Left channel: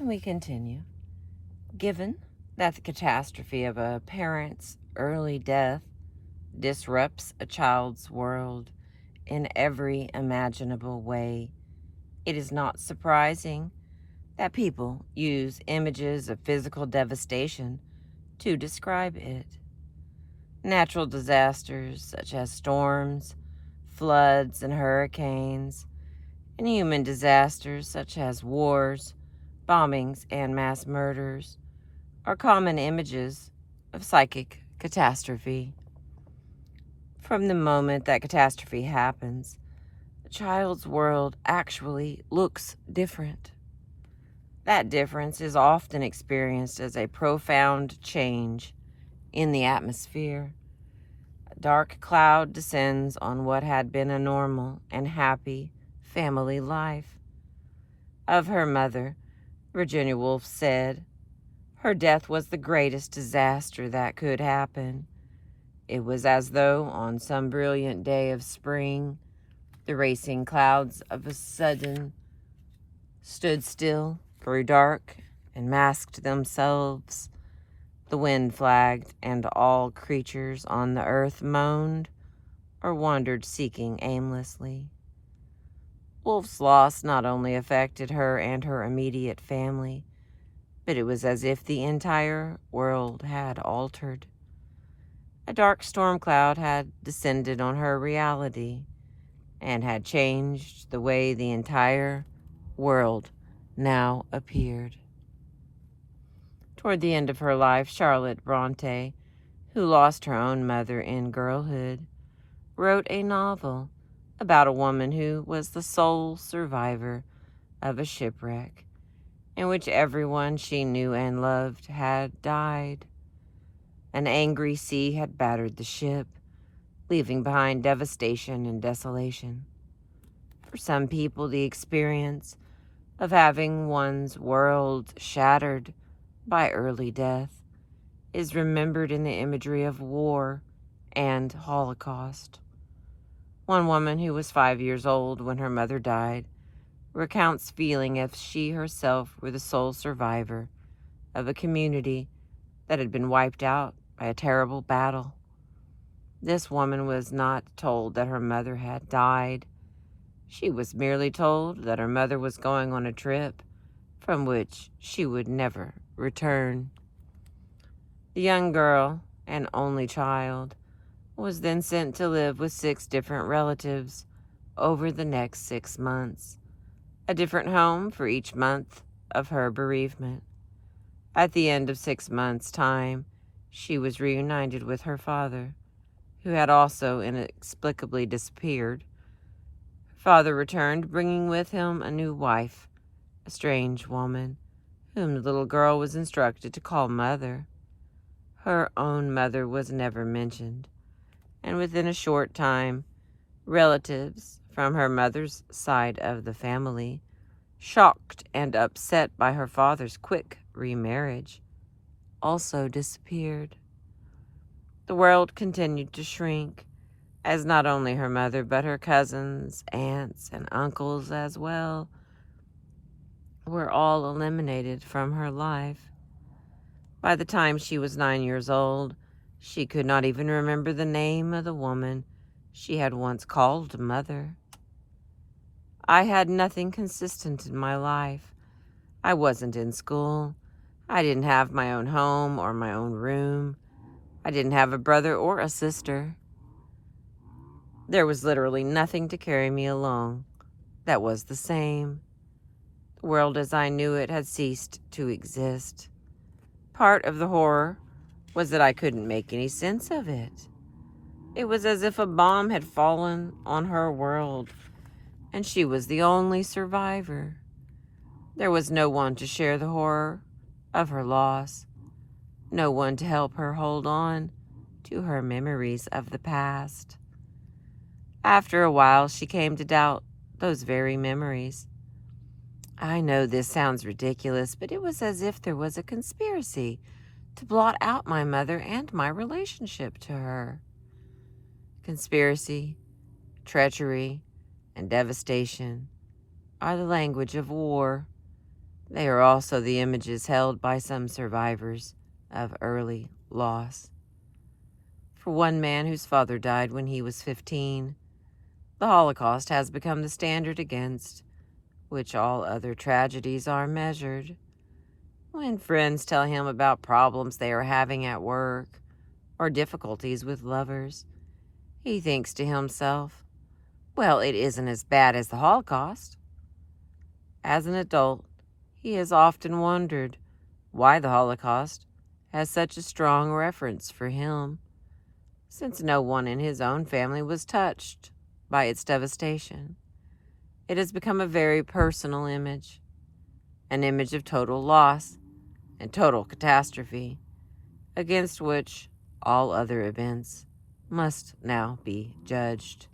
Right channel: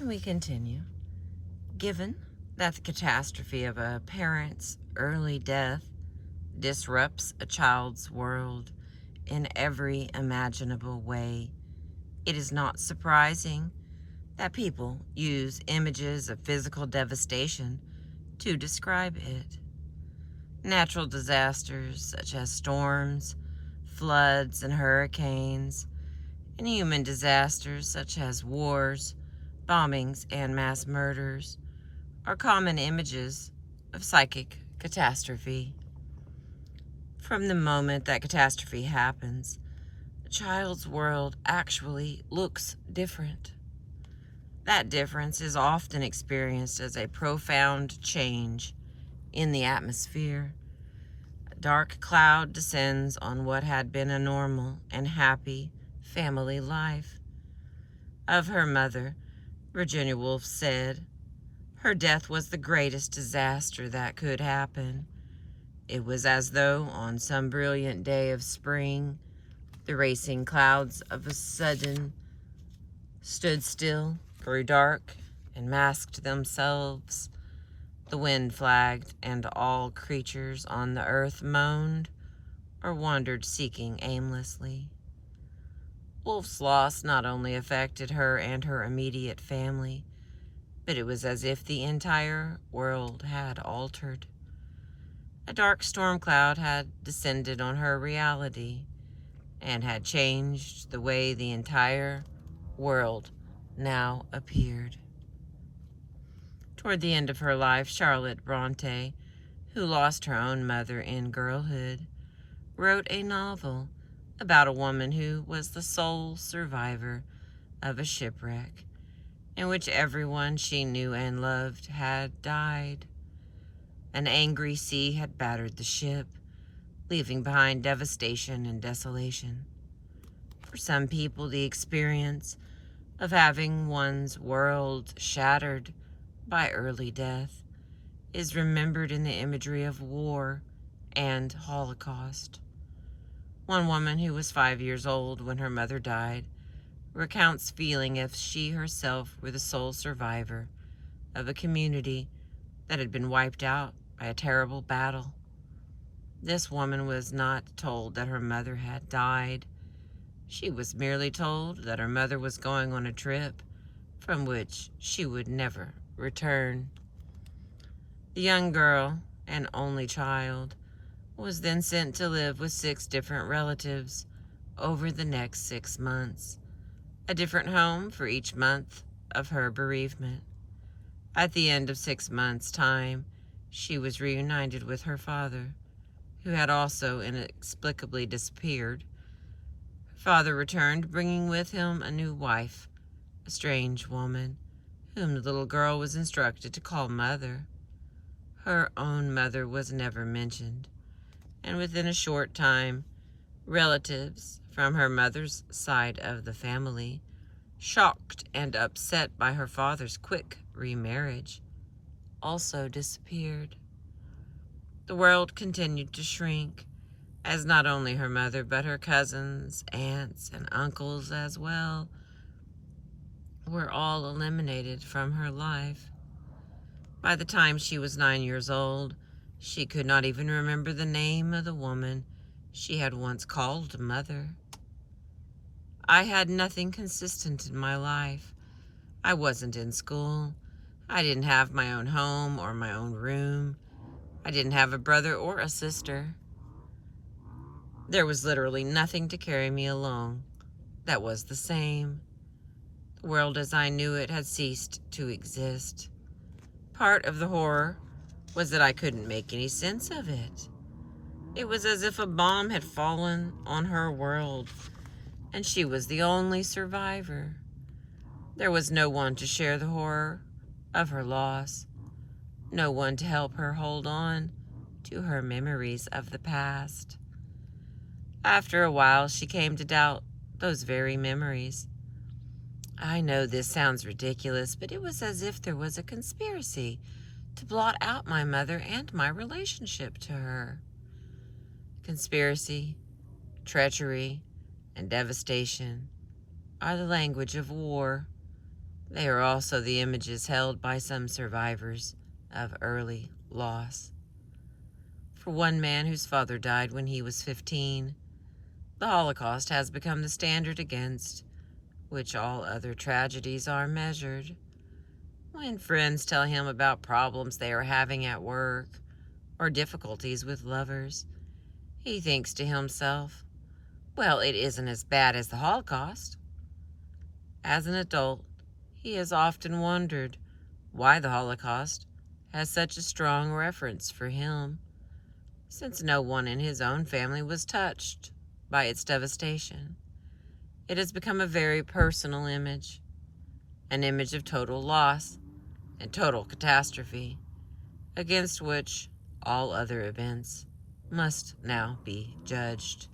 And we continue. Given that the catastrophe of a parent's early death disrupts a child's world in every imaginable way, it is not surprising that people use images of physical devastation to describe it. Natural disasters such as storms, floods, and hurricanes, and human disasters such as wars, bombings, and mass murders are common images of psychic catastrophe. From the moment that catastrophe happens, a child's world actually looks different. That difference is often experienced as a profound change in the atmosphere. A dark cloud descends on what had been a normal and happy family life. Of her mother, Virginia Woolf said, "Her death was the greatest disaster that could happen. It was as though on some brilliant day of spring, the racing clouds of a sudden stood still, grew dark, and masked themselves. The wind flagged, and all creatures on the earth moaned or wandered seeking aimlessly." Wolfe's loss not only affected her and her immediate family, but it was as if the entire world had altered. A dark storm cloud had descended on her reality and had changed the way the entire world now appeared. Toward the end of her life, Charlotte Bronte, who lost her own mother in girlhood, wrote a novel about a woman who was the sole survivor of a shipwreck in which everyone she knew and loved had died. An angry sea had battered the ship, leaving behind devastation and desolation. For some people, the experience of having one's world shattered by early death is remembered in the imagery of war and Holocaust. One woman who was 5 years old when her mother died recounts feeling as if she herself were the sole survivor of a community that had been wiped out by a terrible battle. This woman was not told that her mother had died. She was merely told that her mother was going on a trip from which she would never return. The young girl, an only child, was then sent to live with 6 different relatives over the next 6 months, a different home for each month of her bereavement. At the end of 6 months' time, she was reunited with her father, who had also inexplicably disappeared. Her father returned, bringing with him a new wife, a strange woman, whom the little girl was instructed to call mother. Her own mother was never mentioned, and within a short time, relatives from her mother's side of the family, shocked and upset by her father's quick remarriage, also disappeared. The world continued to shrink, as not only her mother but her cousins, aunts, and uncles as well were all eliminated from her life. By the time she was 9 years old, she could not even remember the name of the woman she had once called mother. I had nothing consistent in my life. I wasn't in school. I didn't have my own home or my own room. I didn't have a brother or a sister. There was literally nothing to carry me along that was the same. The world as I knew it had ceased to exist. Part of the horror was that I couldn't make any sense of it. It was as if a bomb had fallen on her world, and she was the only survivor. There was no one to share the horror of her loss, no one to help her hold on to her memories of the past. After a while, she came to doubt those very memories. I know this sounds ridiculous, but it was as if there was a conspiracy to blot out my mother and my relationship to her. Conspiracy, treachery, and devastation are the language of war. They are also the images held by some survivors of early loss. For one man whose father died when he was 15, the Holocaust has become the standard against which all other tragedies are measured. When friends tell him about problems they are having at work or difficulties with lovers, he thinks to himself, well, it isn't as bad as the Holocaust. As an adult, he has often wondered why the Holocaust has such a strong reference for him, since no one in his own family was touched by its devastation. It has become a very personal image, an image of total loss and total catastrophe, against which all other events must now be judged.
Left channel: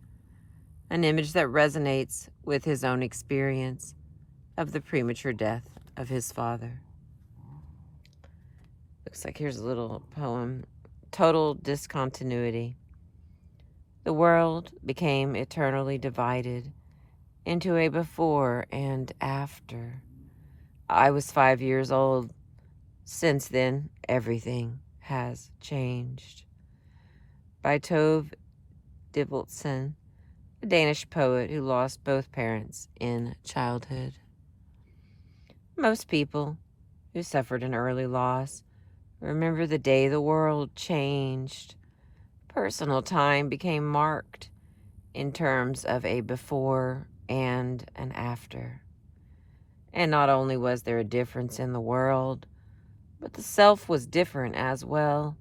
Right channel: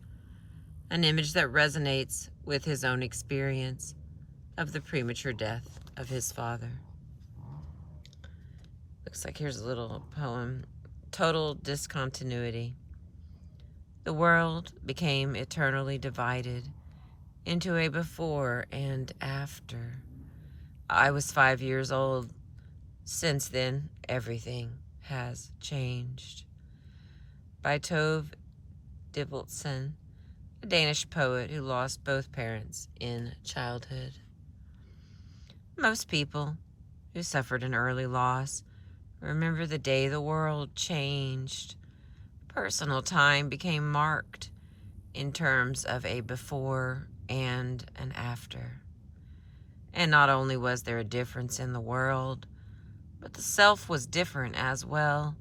An image that resonates with his own experience of the premature death of his father. Looks like here's a little poem. Total discontinuity. The world became eternally divided into a before and after. I was 5 years old. Since then, everything has changed. By Tove Ditlevsen, a Danish poet who lost both parents in childhood. Most people who suffered an early loss remember the day the world changed. Personal time became marked in terms of a before and an after. And not only was there a difference in the world, but the self was different as well.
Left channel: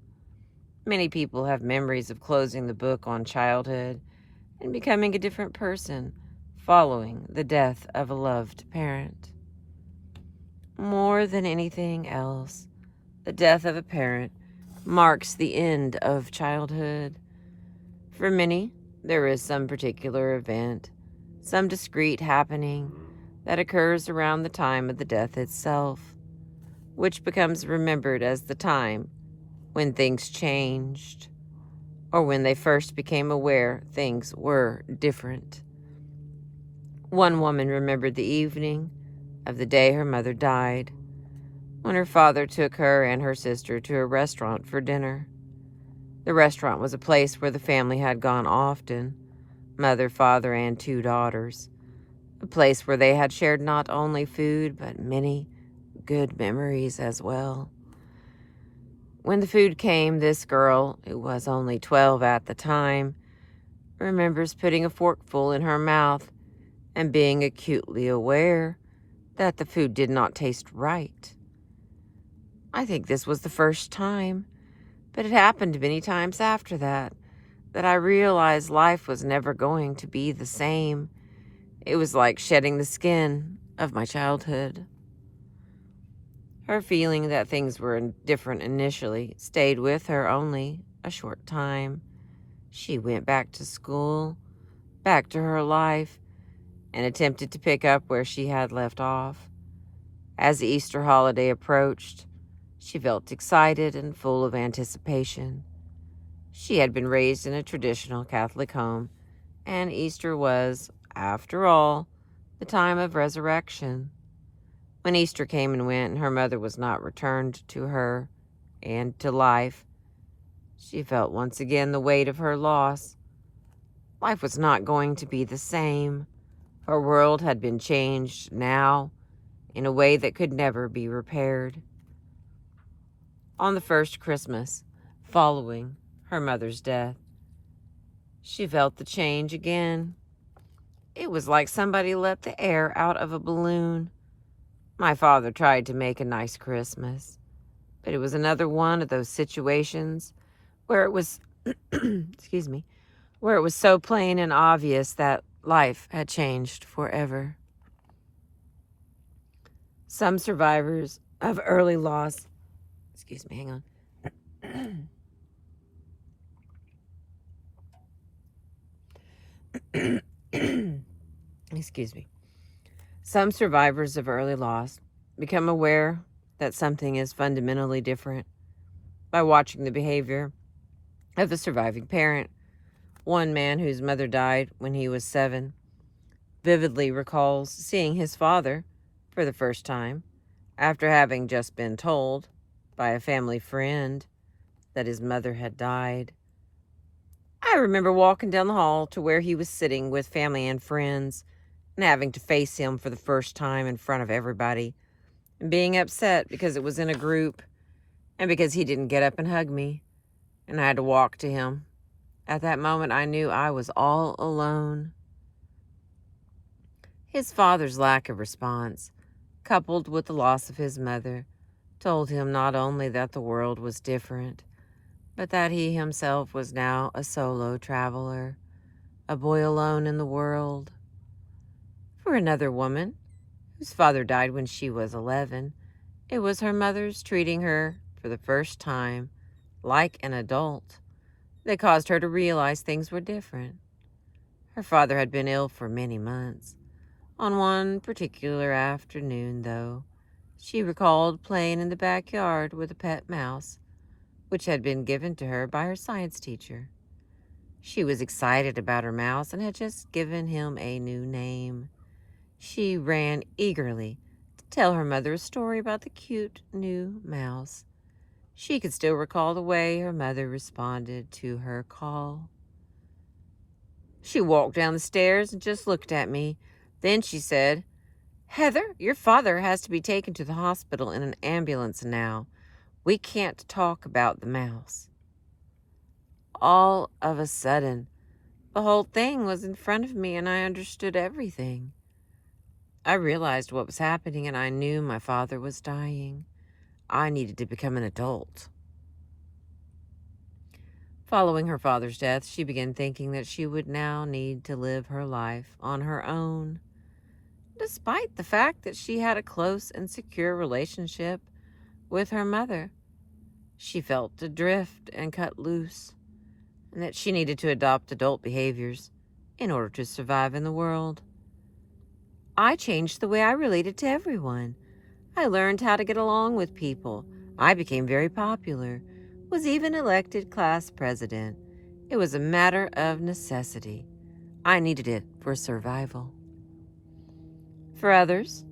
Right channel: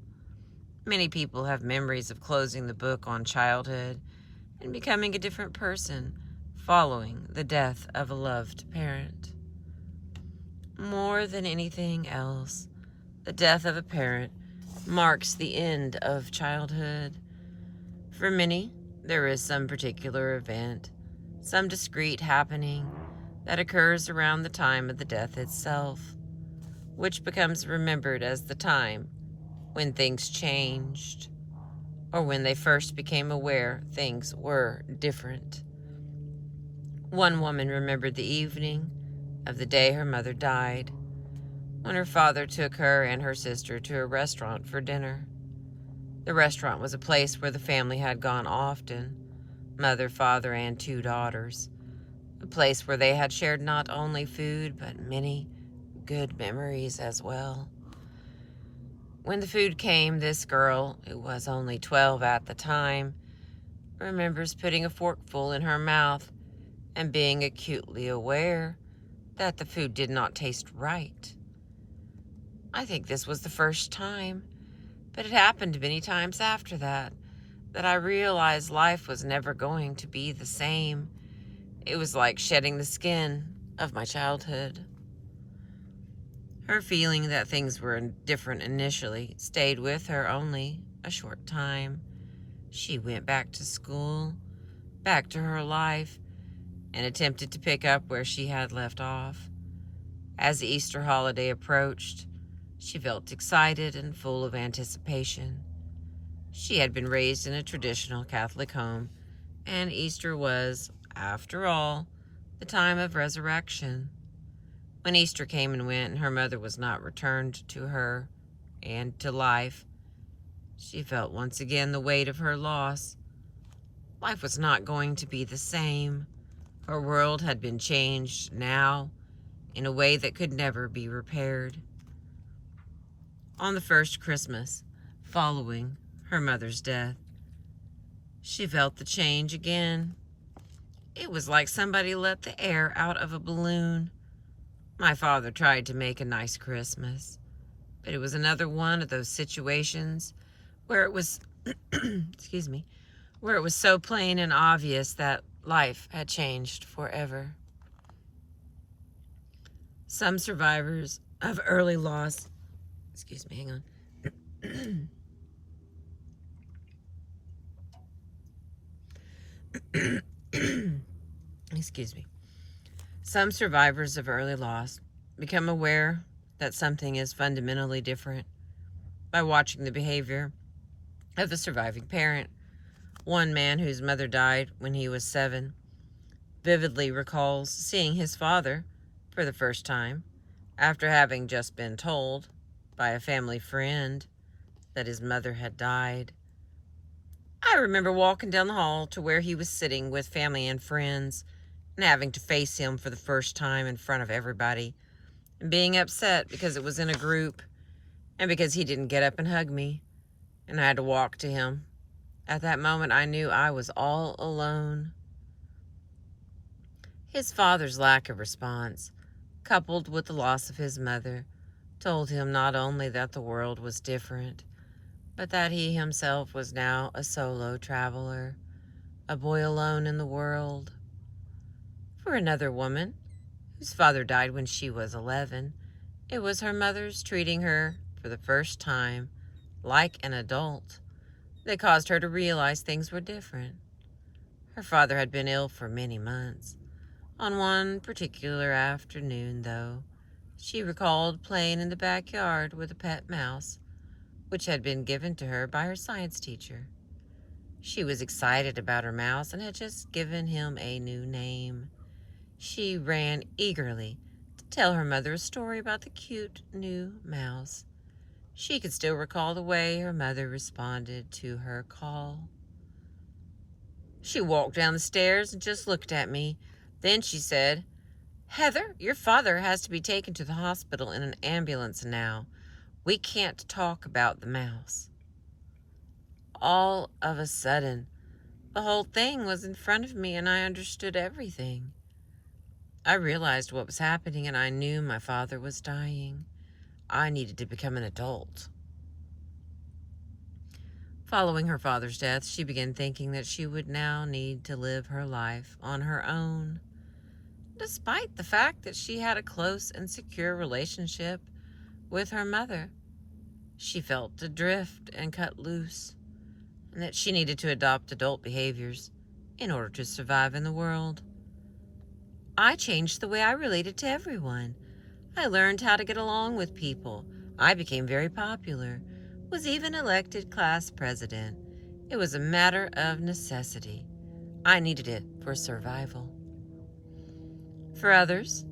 Many people have memories of closing the book on childhood and becoming a different person following the death of a loved parent. More than anything else, the death of a parent marks the end of childhood. For many, there is some particular event, some discrete happening that occurs around the time of the death itself, which becomes remembered as the time when things changed, or when they first became aware things were different. One woman remembered the evening of the day her mother died, when her father took her and her sister to a restaurant for dinner. The restaurant was a place where the family had gone often, mother, father, and 2 daughters, a place where they had shared not only food, but many good memories as well. When the food came, this girl, who was only 12 at the time, remembers putting a forkful in her mouth and being acutely aware that the food did not taste right. I think this was the first time, but it happened many times after that I realized life was never going to be the same. It was like shedding the skin of my childhood. Her feeling that things were different initially stayed with her only a short time. She went back to school, back to her life, and attempted to pick up where she had left off. As the Easter holiday approached, she felt excited and full of anticipation. She had been raised in a traditional Catholic home, and Easter was, after all, the time of resurrection. When Easter came and went and her mother was not returned to her and to life, she felt once again the weight of her loss. Life was not going to be the same. Her world had been changed now in a way that could never be repaired. On the first Christmas following her mother's death, she felt the change again. It was like somebody let the air out of a balloon. My father tried to make a nice Christmas, but it was another one of those situations where it was, where it was so plain and obvious that life had changed forever. Some survivors of early loss, hang on. Some survivors of early loss become aware that something is fundamentally different by watching the behavior of the surviving parent. One man whose mother died when he was 7 vividly recalls seeing his father for the first time After having just been told by a family friend that his mother had died, I remember walking down the hall to where he was sitting with family and friends and having to face him for the first time in front of everybody and being upset because it was in a group and because he didn't get up and hug me and I had to walk to him. At that moment, I knew I was all alone. His father's lack of response, coupled with the loss of his mother, told him not only that the world was different, but that he himself was now a solo traveler, a boy alone in the world. For another woman, whose father died when she was 11, it was her mother's treating her, for the first time, like an adult that caused her to realize things were different. Her father had been ill for many months. On one particular afternoon, though, she recalled playing in the backyard with a pet mouse, which had been given to her by her science teacher. She was excited about her mouse and had just given him a new name. She ran eagerly to tell her mother a story about the cute new mouse. She could still recall the way her mother responded to her call. She walked down the stairs and just looked at me. Then she said, "Heather, your father has to be taken to the hospital in an ambulance now. We can't talk about the mouse." All of a sudden, the whole thing was in front of me and I understood everything. I realized what was happening and I knew my father was dying. I needed to become an adult. Following her father's death, she began thinking that she would now need to live her life on her own. Despite the fact that she had a close and secure relationship with her mother, she felt adrift and cut loose, and that she needed to adopt adult behaviors in order to survive in the world. I changed the way I related to everyone. I learned how to get along with people. I became very popular, was even elected class president. It was a matter of necessity. I needed it for survival. For others,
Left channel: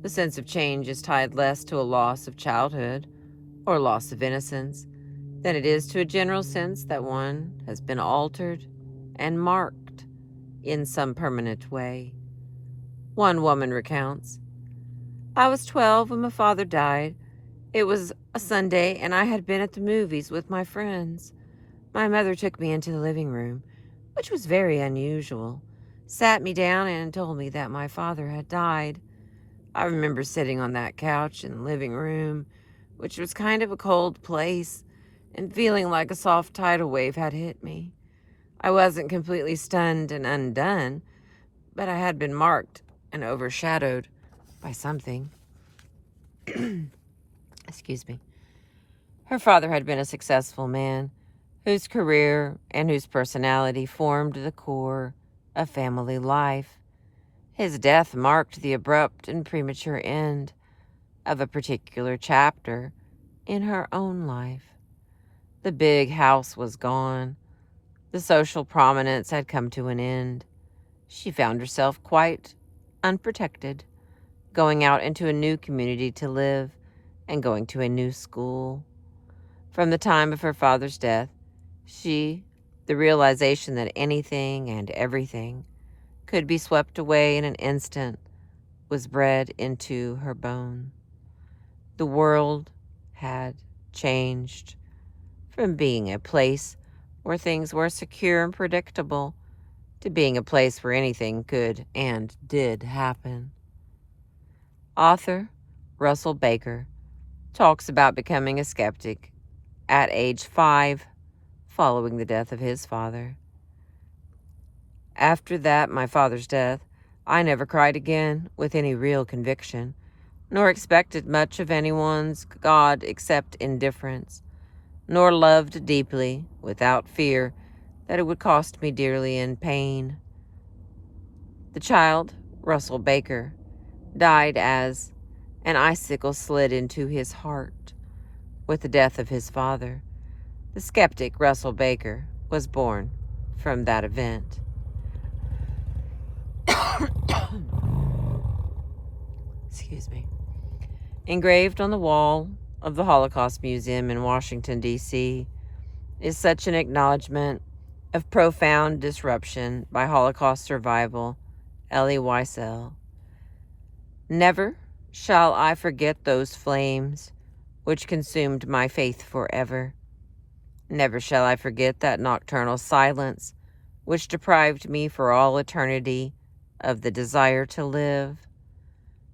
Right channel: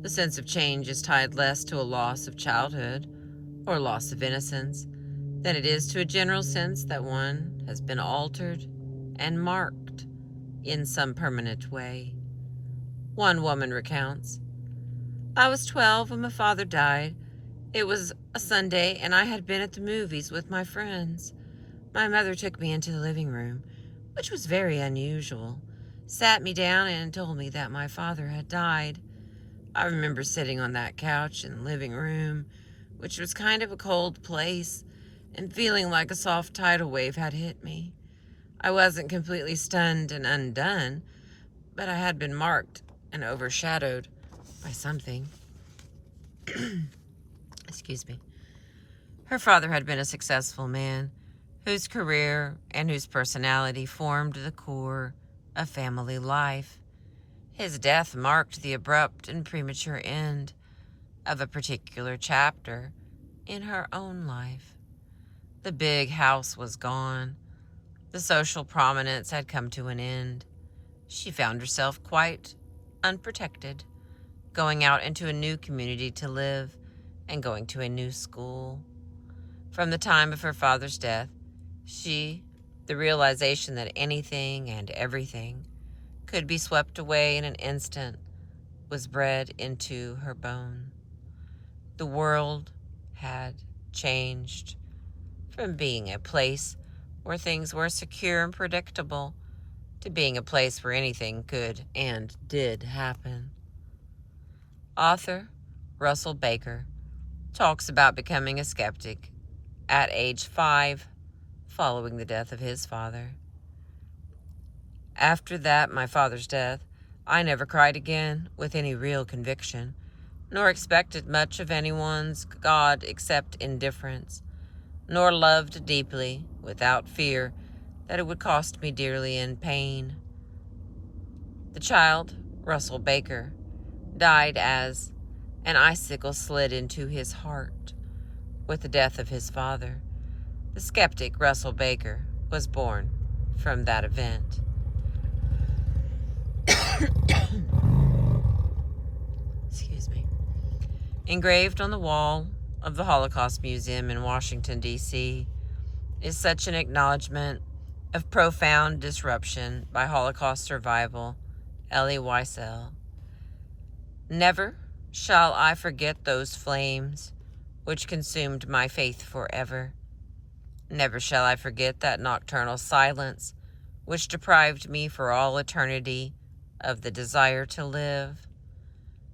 the sense of change is tied less to a loss of childhood or loss of innocence than it is to a general sense that one has been altered and marked in some permanent way. One woman recounts, "I was 12 when my father died. It was a Sunday and I had been at the movies with my friends. My mother took me into the living room, which was very unusual, sat me down and told me that my father had died. I remember sitting on that couch in the living room, which was kind of a cold place, and feeling like a soft tidal wave had hit me. I wasn't completely stunned and undone, but I had been marked and overshadowed by something." Excuse me. Her father had been a successful man whose career and whose personality formed the core of family life. His death marked the abrupt and premature end of a particular chapter in her own life. The big house was gone. The social prominence had come to an end. She found herself quite unprotected, going out into a new community to live and going to a new school. From the time of her father's death, the realization that anything and everything could be swept away in an instant, was bred into her bone. The world had changed from being a place where things were secure and predictable to being a place where anything could and did happen. Author Russell Baker talks about becoming a skeptic at age 5 following the death of his father. "After that, my father's death, I never cried again with any real conviction, nor expected much of anyone's God except indifference, nor loved deeply without fear that it would cost me dearly in pain." The child, Russell Baker, died as an icicle slid into his heart with the death of his father. The skeptic Russell Baker was born from that event. Excuse me. Engraved on the wall of the Holocaust Museum in Washington, D.C., is such an acknowledgement of profound disruption by Holocaust survival, Elie Wiesel. Never shall I forget those flames which consumed my faith forever. Never shall I forget that nocturnal silence which deprived me for all eternity of the desire to live.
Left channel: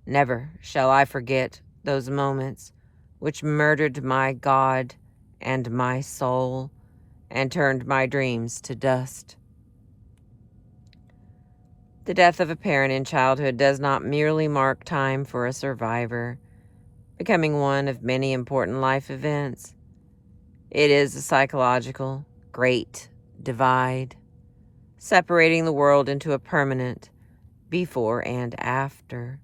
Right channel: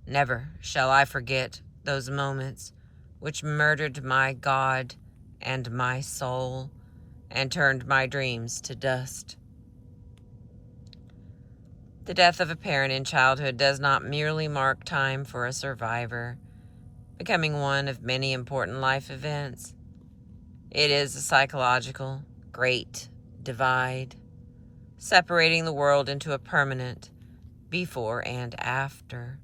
Never shall I forget those moments which murdered my God and my soul and turned my dreams to dust. The death of a parent in childhood does not merely mark time for a survivor, becoming one of many important life events. It is a psychological, great divide, separating the world into a permanent before and after.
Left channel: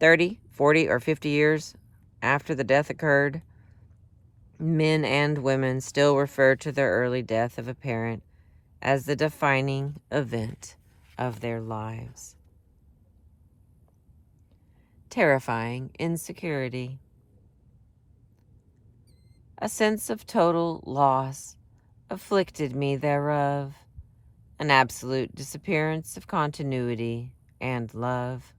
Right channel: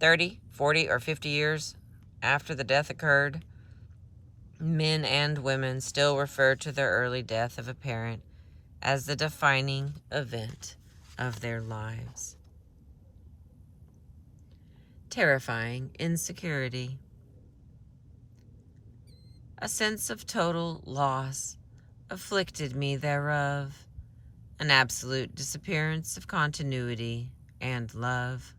30, 40, or 50 years after the death occurred, men and women still refer to their early death of a parent as the defining event of their lives. Terrifying insecurity. A sense of total loss afflicted me thereof, an absolute disappearance of continuity and love.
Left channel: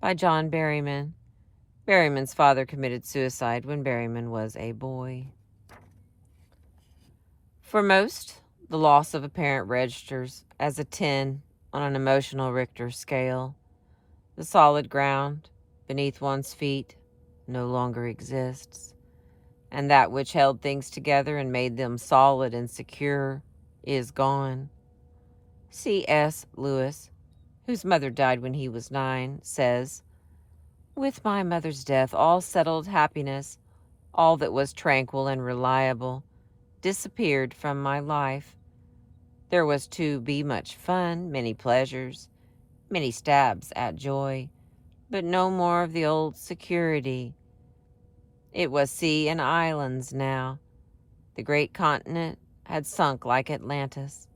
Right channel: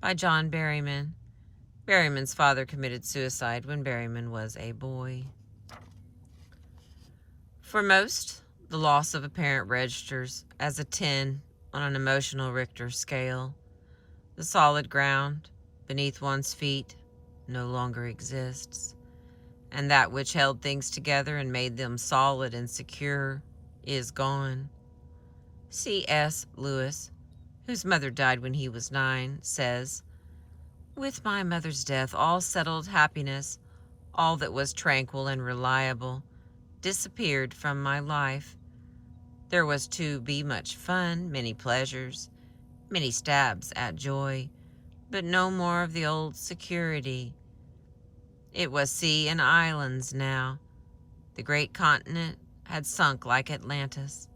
By John Berryman. Berryman's father committed suicide when Berryman was a boy. For most, the loss of a parent registers as a 10 on an emotional Richter scale. The solid ground beneath one's feet no longer exists, and that which held things together and made them solid and secure is gone. C.S. Lewis, whose mother died when he was 9, says, "With my mother's death, all settled happiness, all that was tranquil and reliable, disappeared from my life. There was to be much fun, many pleasures, many stabs at joy, but no more of the old security. It was sea and islands now. The great continent had sunk like Atlantis.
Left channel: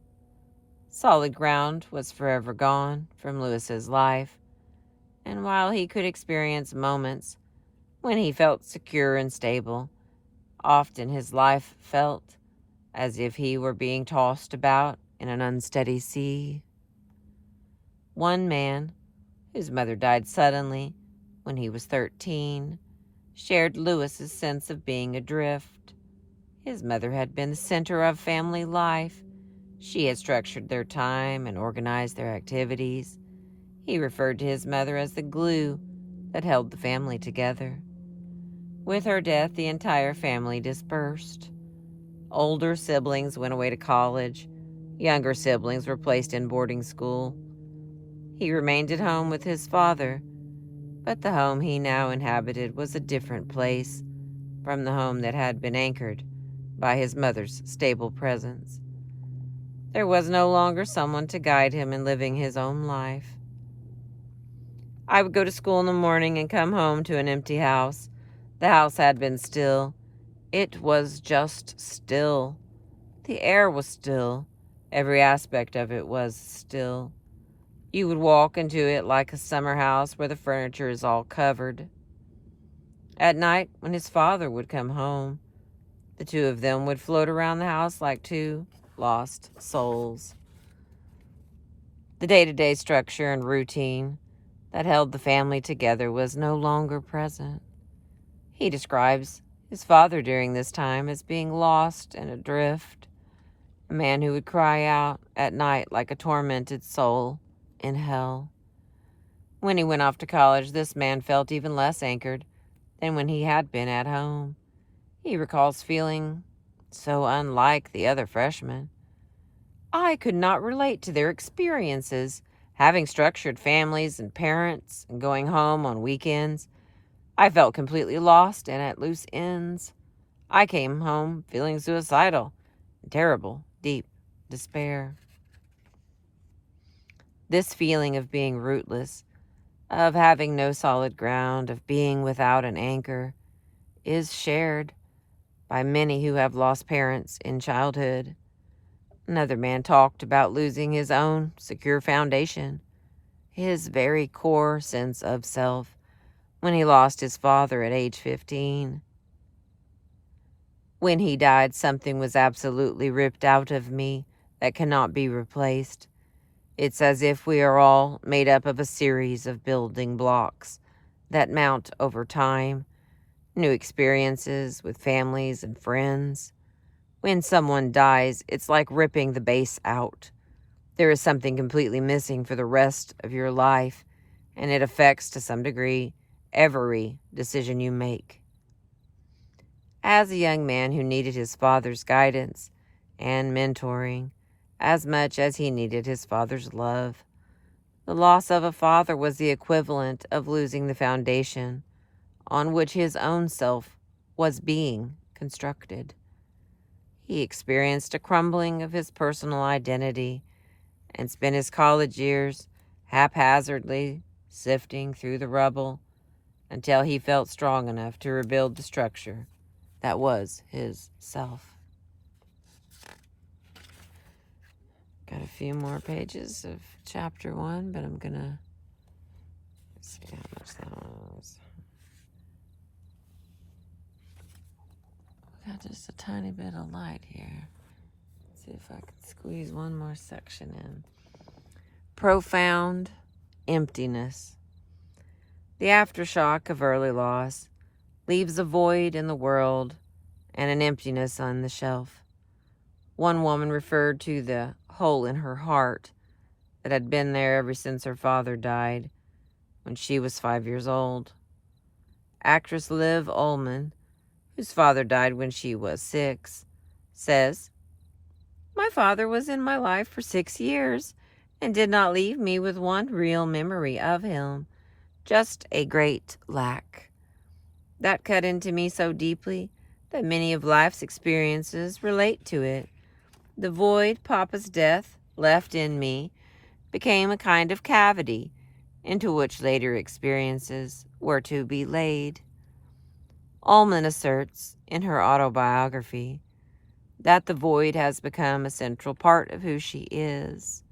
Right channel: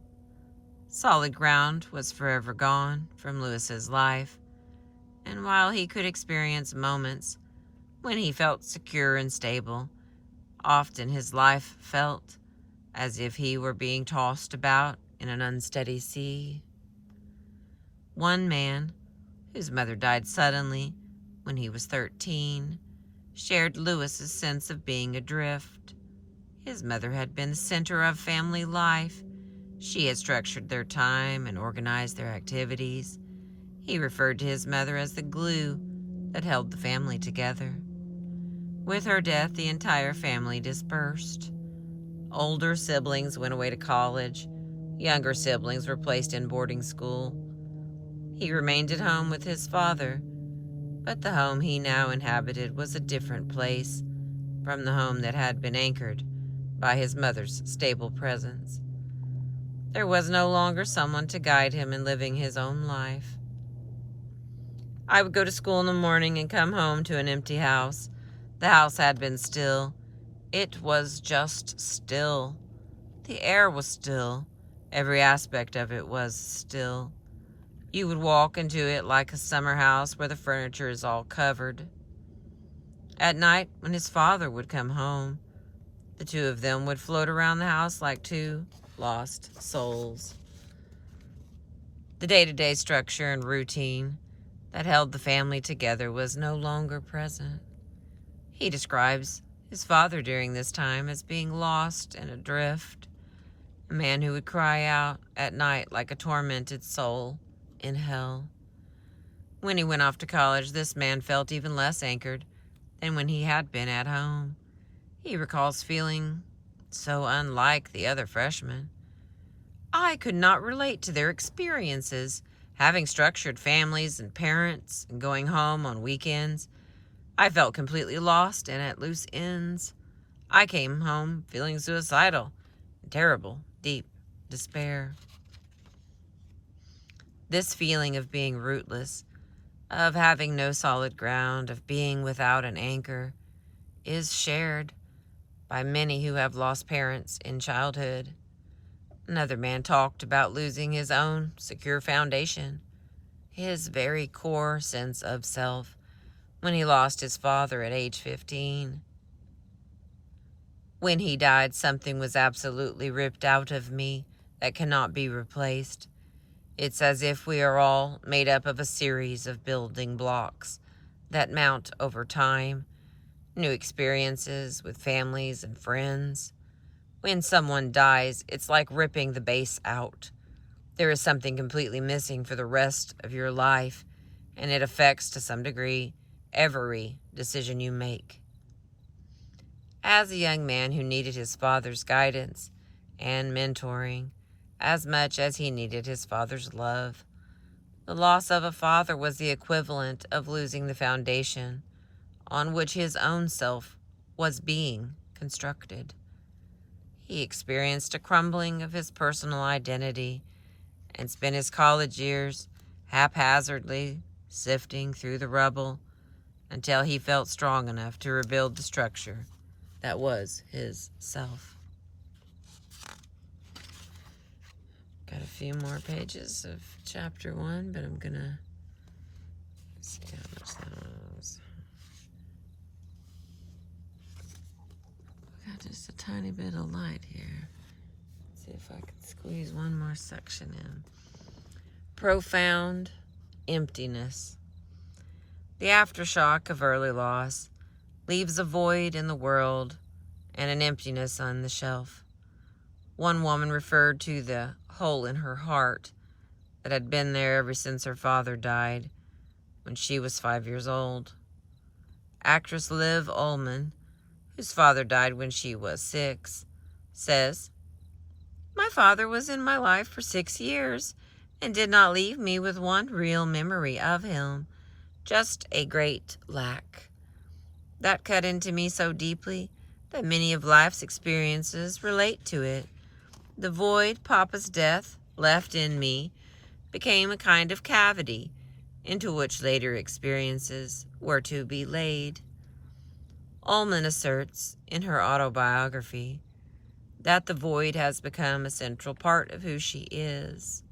Solid ground was forever gone from Lewis's life, and while he could experience moments when he felt secure and stable, often his life felt as if he were being tossed about in an unsteady sea." One man, whose mother died suddenly when he was 13, shared Lewis's sense of being adrift. His mother had been the center of family life. She had structured their time and organized their activities. He referred to his mother as the glue that held the family together. With her death, the entire family dispersed. Older siblings went away to college. Younger siblings were placed in boarding school. He remained at home with his father, but the home he now inhabited was a different place from the home that had been anchored by his mother's stable presence. There was no longer someone to guide him in living his own life. I would go to school in the morning and come home to an empty house. The house had been still. It was just still. The air was still. Every aspect of it was still. You would walk into it like a summer house where the furniture is all covered. At night, when his father would come home, the two of them would float around the house like two lost souls. The day-to-day structure and routine that held the family together was no longer present. He describes his father during this time as being lost and adrift, a man who would cry out at night like a tormented soul in hell. When he went off to college, this man felt even less anchored than when he had been at home. He recalls feeling so unlike the other freshmen. I could not relate to their experiences, having structured families and parents and going home on weekends. I felt completely lost and at loose ends. I came home feeling suicidal, terrible, deep despair. This feeling of being rootless, of having no solid ground, of being without an anchor, is shared by many who have lost parents in childhood. Another man talked about losing his own secure foundation, his very core sense of self, when he lost his father at age 15. When he died, something was absolutely ripped out of me that cannot be replaced. It's as if we are all made up of a series of building blocks that mount over time, new experiences with families and friends. When someone dies, it's like ripping the base out. There is something completely missing for the rest of your life, and it affects, to some degree, every decision you make. As a young man who needed his father's guidance and mentoring as much as he needed his father's love, the loss of a father was the equivalent of losing the foundation on which his own self was being constructed. He experienced a crumbling of his personal identity and spent his college years haphazardly sifting through the rubble until he felt strong enough to rebuild the structure that was his self. Got a few more pages of chapter 1, but I'm gonna see how much that was. Got just a tiny bit of light here. Let's see if I can squeeze one more section in. Profound emptiness. The aftershock of early loss leaves a void in the world and an emptiness on the shelf. One woman referred to the hole in her heart that had been there ever since her father died when she was 5 years old. Actress Liv Ullmann, whose father died when she was 6, says, "My father was in my life for 6 years and did not leave me with one real memory of him, just a great lack. That cut into me so deeply that many of life's experiences relate to it. The void Papa's death left in me became a kind of cavity into which later experiences were to be laid." Ullmann asserts in her autobiography that the void has become a central part of who she is.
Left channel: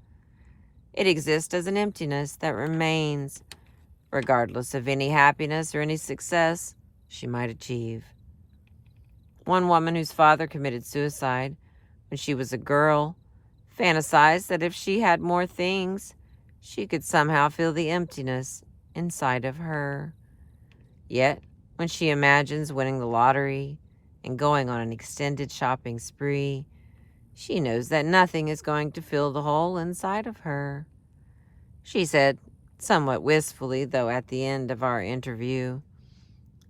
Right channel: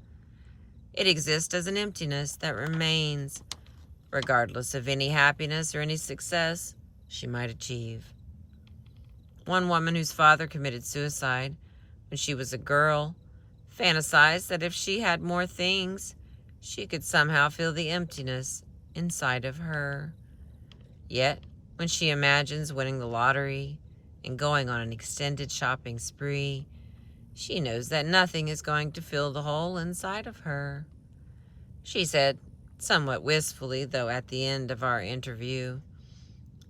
It exists as an emptiness that remains regardless of any happiness or any success she might achieve. One woman whose father committed suicide when she was a girl fantasized that if she had more things, she could somehow fill the emptiness inside of her. Yet, when she imagines winning the lottery and going on an extended shopping spree, she knows that nothing is going to fill the hole inside of her. She said, somewhat wistfully, though at the end of our interview,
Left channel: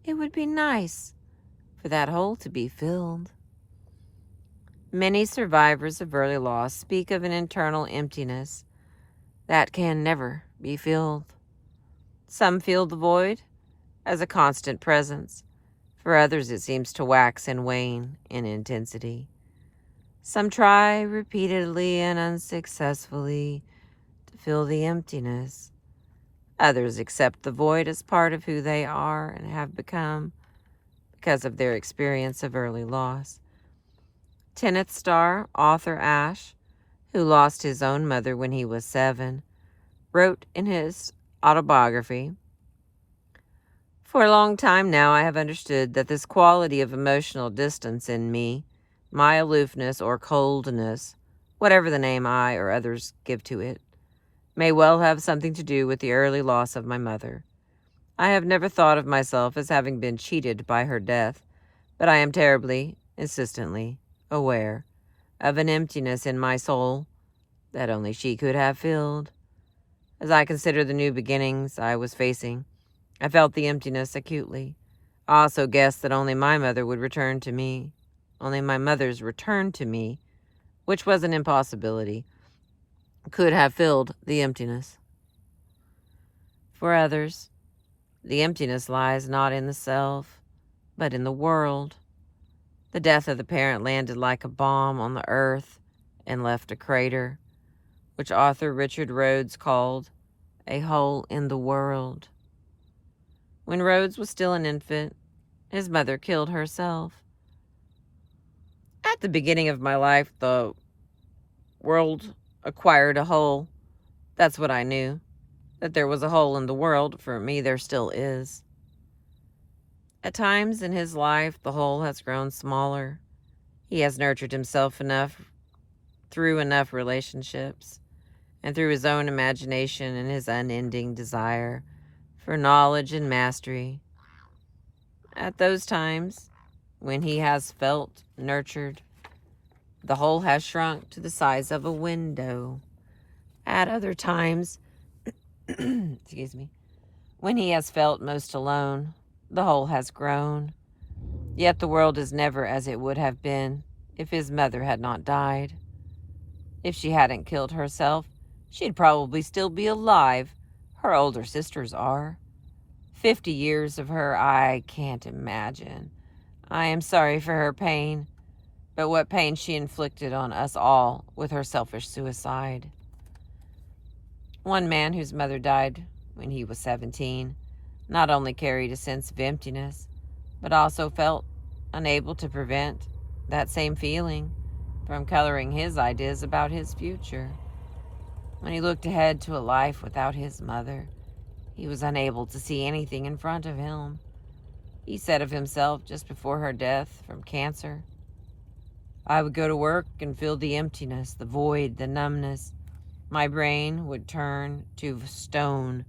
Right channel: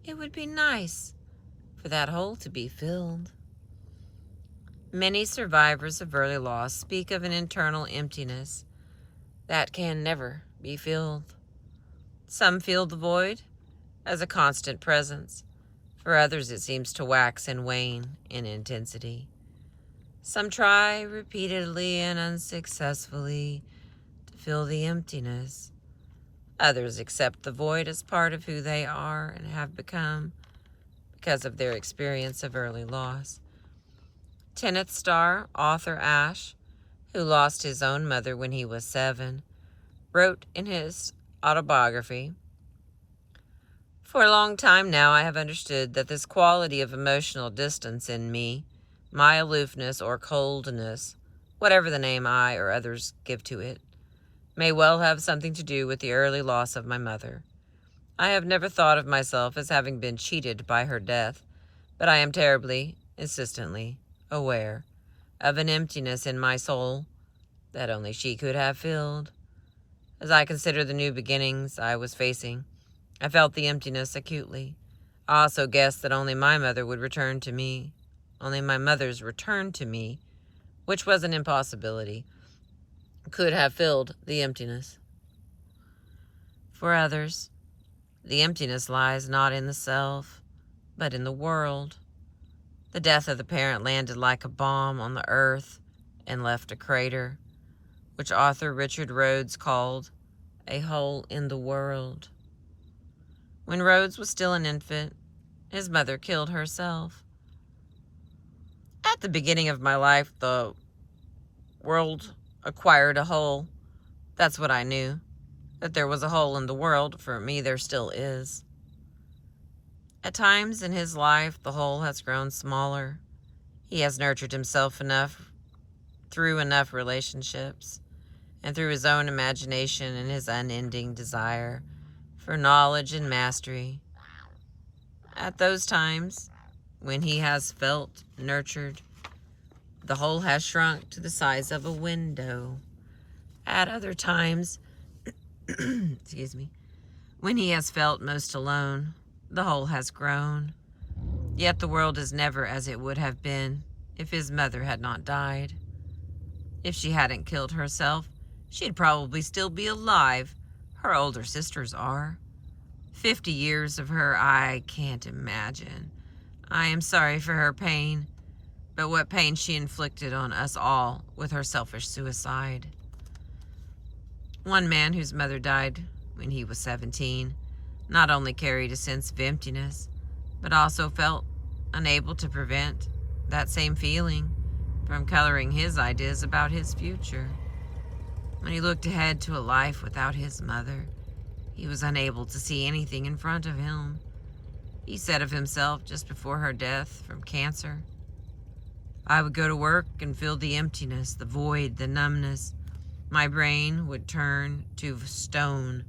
"It would be nice for that hole to be filled." Many survivors of early loss speak of an internal emptiness that can never be filled. Some feel the void as a constant presence. For others, it seems to wax and wane in intensity. Some try repeatedly and unsuccessfully to fill the emptiness. Others accept the void as part of who they are and have become because of their experience of early loss. Tenth star author Ash, who lost his own mother when he was 7, wrote in his autobiography, "For a long time now I have understood that this quality of emotional distance in me, my aloofness or coldness, whatever the name I or others give to it, may well have something to do with the early loss of my mother. I have never thought of myself as having been cheated by her death, but I am terribly, insistently aware of an emptiness in my soul that only she could have filled. As I consider the new beginnings I was facing, I felt the emptiness acutely. I also guessed that only my mother would return to me, only my mother's return to me, which was an impossibility, could have filled the emptiness. For others, the emptiness lies not in the self, but in the world. The death of the parent landed like a bomb on the earth and left a crater, which author Richard Rhodes called a hole in the world. When Rhodes was still an infant, his mother killed herself. At the beginning of my life, the world acquired a hole. That's what I knew, that there was a hole in the world. For me, there still is. At times in his life, the hole has grown smaller. He has nurtured himself enough through enough relationships and through his own imagination and his unending desire for knowledge and mastery. At those times, when he has felt nurtured, the hole has shrunk to the size of a window. At other times, excuse me, when he has felt most alone, the hole has grown. Yet the world is never as it would have been if his mother had not died. If she hadn't killed herself, she'd probably still be alive. Her older sisters are. 50 years of her, I can't imagine. I am sorry for her pain, but what pain she inflicted on us all with her selfish suicide. One man whose mother died when he was 17 not only carried a sense of emptiness, but also felt unable to prevent that same feeling from coloring his ideas about his future. When he looked ahead to a life without his mother, he was unable to see anything in front of him. He said of himself just before her death from cancer, "I would go to work and feel the emptiness, the void, the numbness. My brain would turn to stone.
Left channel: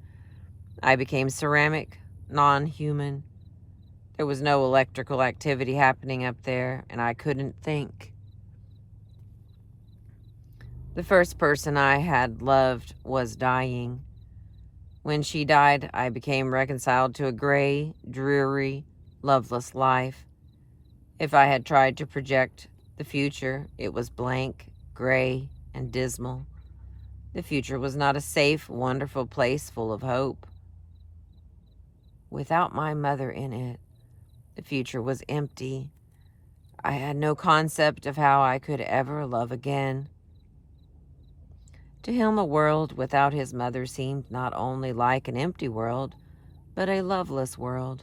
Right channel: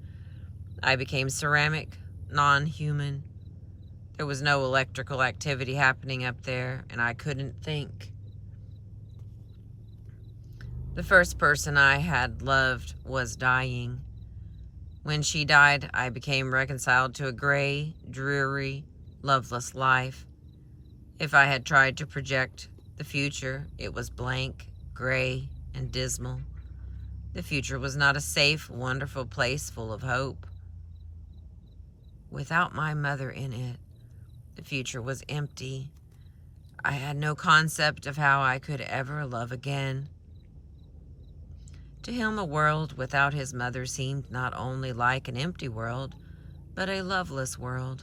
I became ceramic, non-human. There was no electrical activity happening up there, and I couldn't think." The first person I had loved was dying. When she died, I became reconciled to a gray, dreary, loveless life. If I had tried to project the future, it was blank, gray, and dismal. The future was not a safe, wonderful place full of hope. Without my mother in it, the future was empty. I had no concept of how I could ever love again. To him, a world without his mother seemed not only like an empty world, but a loveless world,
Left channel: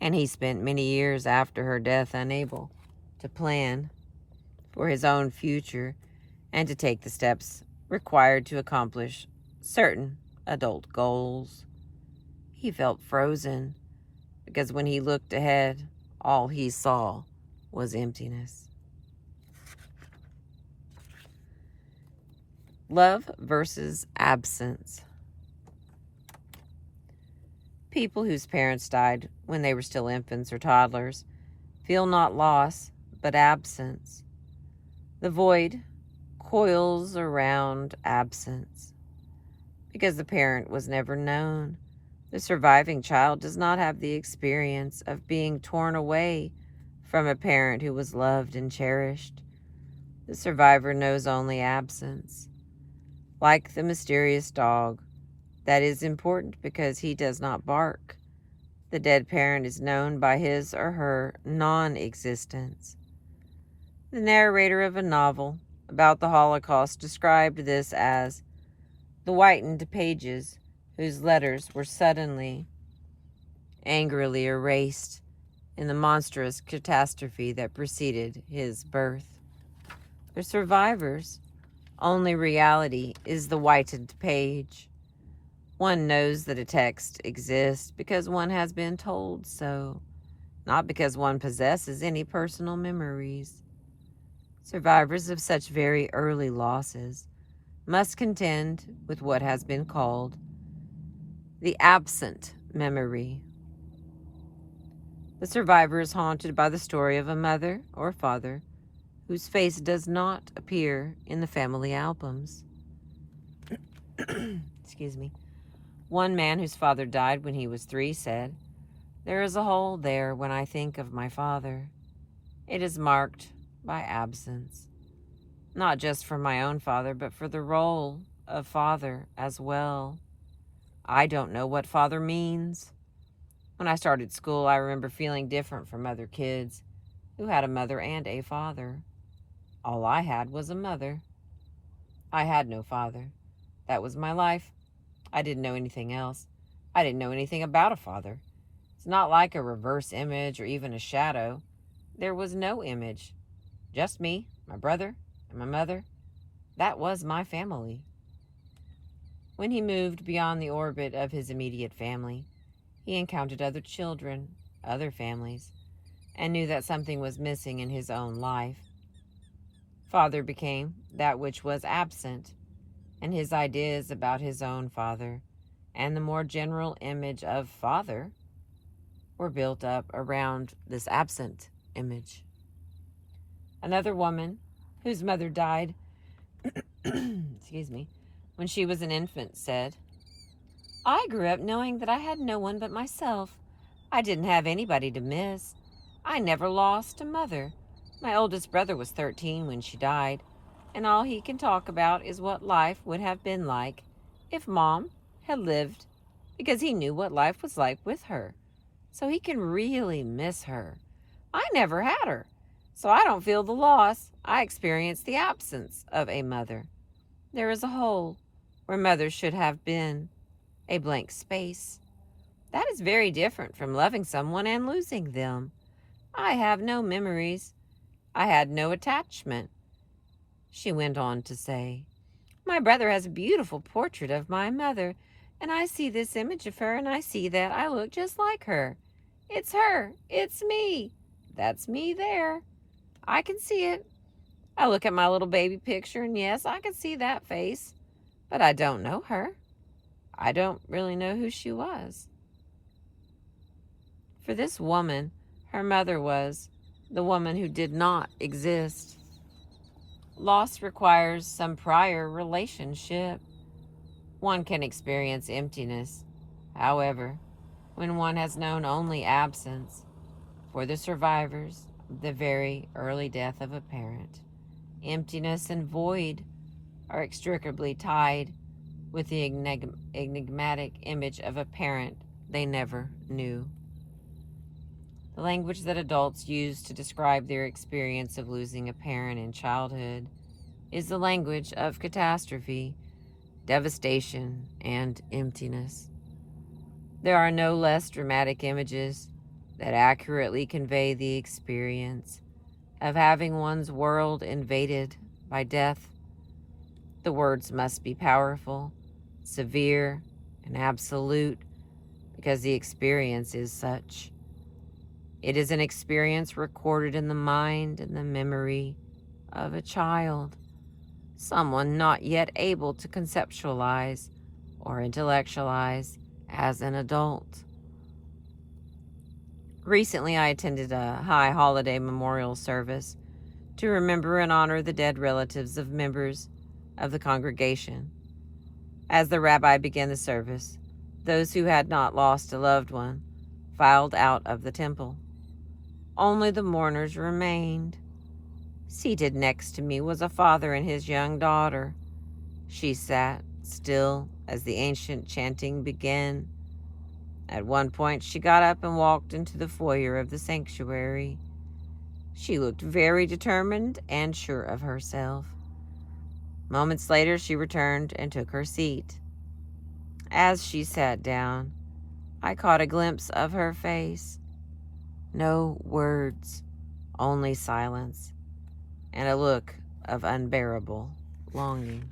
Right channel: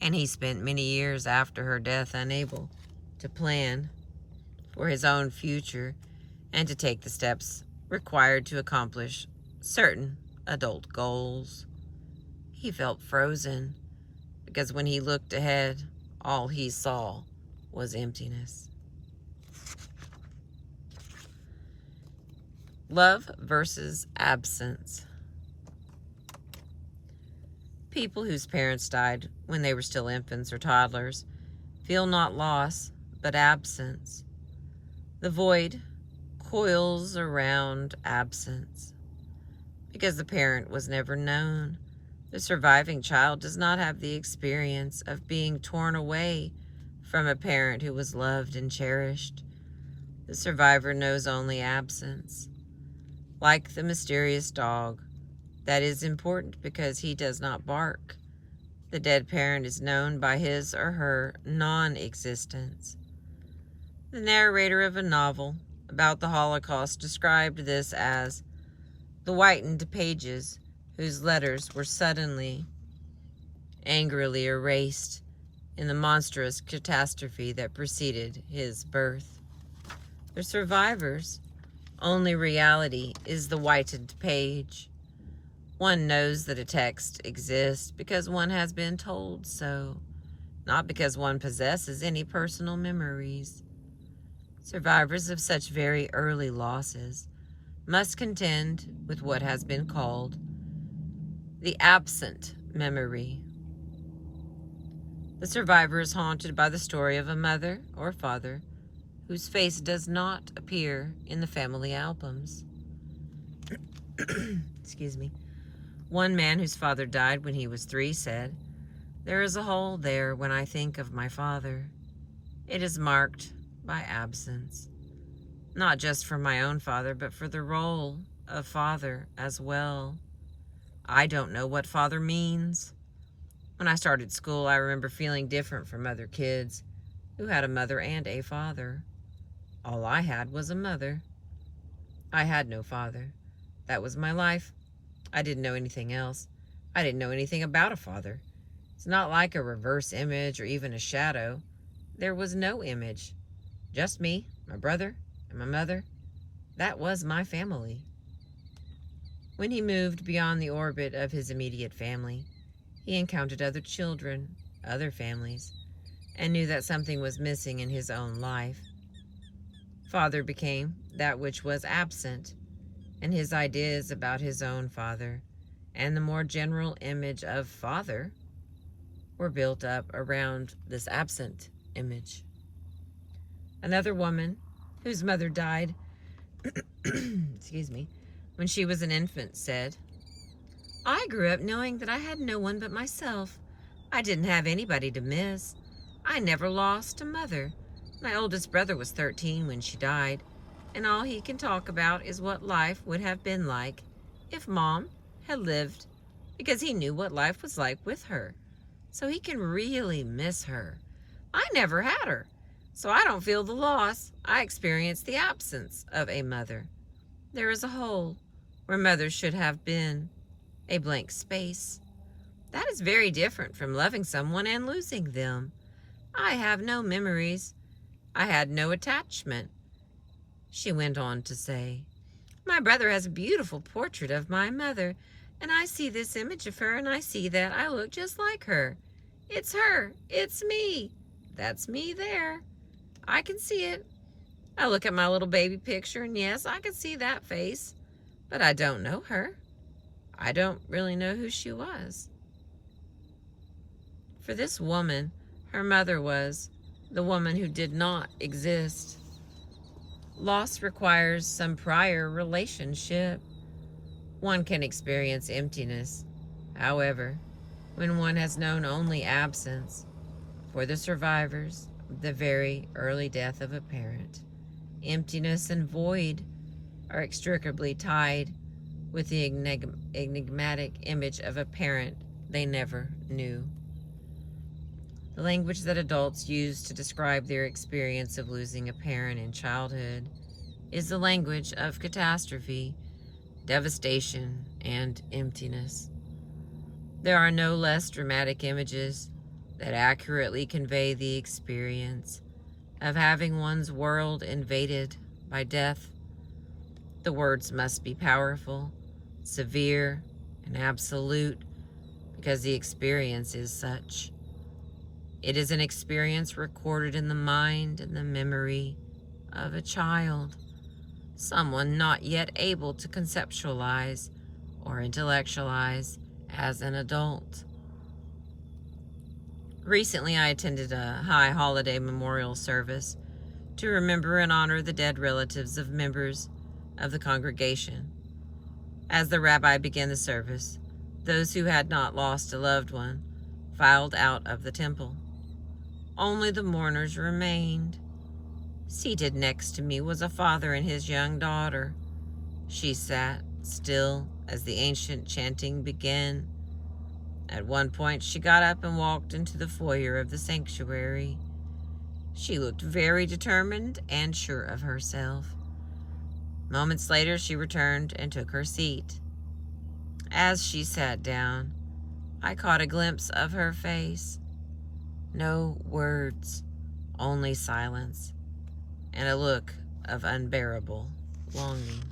and he spent many years after her death unable to plan for his own future and to take the steps required to accomplish certain adult goals. He felt frozen because when he looked ahead, all he saw was emptiness. Love versus absence. People whose parents died when they were still infants or toddlers feel not loss, but absence. The void coils around absence. Because the parent was never known, the surviving child does not have the experience of being torn away from a parent who was loved and cherished. The survivor knows only absence. Like the mysterious dog, that is important because he does not bark. The dead parent is known by his or her non-existence. The narrator of a novel about the Holocaust described this as the whitened pages whose letters were suddenly, angrily erased in the monstrous catastrophe that preceded his birth. The survivors' only reality is the whitened page. One knows that a text exists because one has been told so, not because one possesses any personal memories. Survivors of such very early losses must contend with what has been called the absent memory. The survivor is haunted by the story of a mother or father whose face does not appear in the family albums. Excuse me. One man whose father died when he was 3 said, "There is a hole there when I think of my father. It is marked by absence, not just for my own father, but for the role of father as well. I don't know what father means. When I started school, I remember feeling different from other kids who had a mother and a father. All I had was a mother. I had no father. That was my life. I didn't know anything else. I didn't know anything about a father. It's not like a reverse image or even a shadow. There was no image. Just me, my brother, and my mother. That was my family." When he moved beyond the orbit of his immediate family, he encountered other children other families and knew that something was missing in his own life. Father became that which was absent, and his ideas about his own father and the more general image of father were built up around this absent image. Another woman whose mother died excuse me, when she was an infant said, "I grew up knowing that I had no one but myself. I didn't have anybody to miss. I never lost a mother. My oldest brother was 13 when she died, and all he can talk about is what life would have been like if Mom had lived, because he knew what life was like with her. So he can really miss her. I never had her, so I don't feel the loss. I experience the absence of a mother. There is a hole where mother should have been, a blank space. That is very different from loving someone and losing them. I have no memories. I had no attachment." She went on to say, "My brother has a beautiful portrait of my mother, and I see this image of her, and I see that I look just like her. It's her. It's me. That's me there. I can see it. I look at my little baby picture, and yes, I can see that face, but I don't know her. I don't really know who she was." For this woman, her mother was the woman who did not exist. Loss requires some prior relationship. One can experience emptiness, however, when one has known only absence. For the survivors of the very early death of a parent, emptiness and void are inextricably tied with the enigmatic image of a parent they never knew. The language that adults use to describe their experience of losing a parent in childhood is the language of catastrophe, devastation, and emptiness. There are no less dramatic images that accurately convey the experience of having one's world invaded by death. The words must be powerful, severe, and absolute because the experience is such. It is an experience recorded in the mind and the memory of a child, someone not yet able to conceptualize or intellectualize as an adult. Recently, I attended a high holiday memorial service to remember and honor the dead relatives of members of the congregation. As the rabbi began the service, those who had not lost a loved one filed out of the temple. Only the mourners remained. Seated next to me was a father and his young daughter. She sat still as the ancient chanting began. At one point, she got up and walked into the foyer of the sanctuary. She looked very determined and sure of herself. Moments later, she returned and took her seat. As she sat down, I caught a glimpse of her face. No words, only silence, and a look of unbearable longing.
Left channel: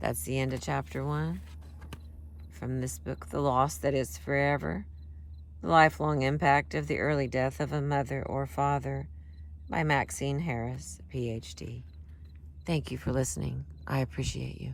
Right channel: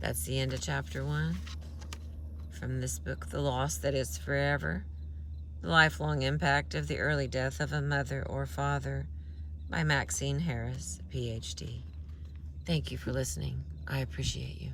That's the end of chapter 1 from this book, The Loss That Is Forever, The Lifelong Impact of the Early Death of a Mother or Father by Maxine Harris, PhD. Thank you for listening. I appreciate you.